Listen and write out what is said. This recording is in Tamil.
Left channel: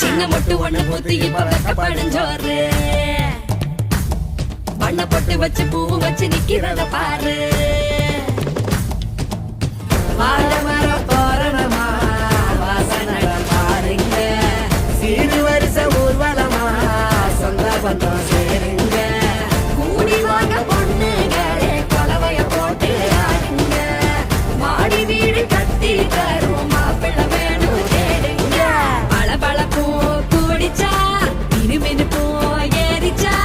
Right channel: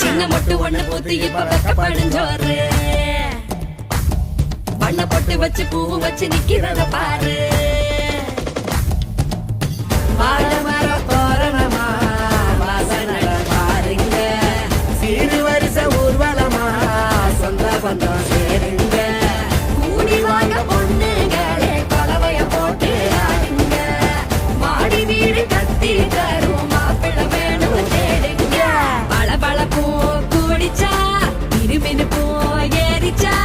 சின்ன மொட்டு ஒண்ணு பூத்து இப்ப வெக்கப்படிஞ்சோரு பண்ண பொட்டு வச்சு பூவு வச்சு நிக்கிறத பாரு வாழ மர தோரணமா வாசனட பாருங்க சீரு வருஷ ஊர்வலமா சொந்த பந்தம் சேருங்க கூடி வாங்க பொண்ணுகளே கொலவைய போட்டு ஆடுங்க மாடி வீடு கட்டி தரும் மாப்பிள்ள வேணும் தேடுங்க பளபளப்பும் கூடிச்சா மினுமினுப்பும் ஏறிச்சா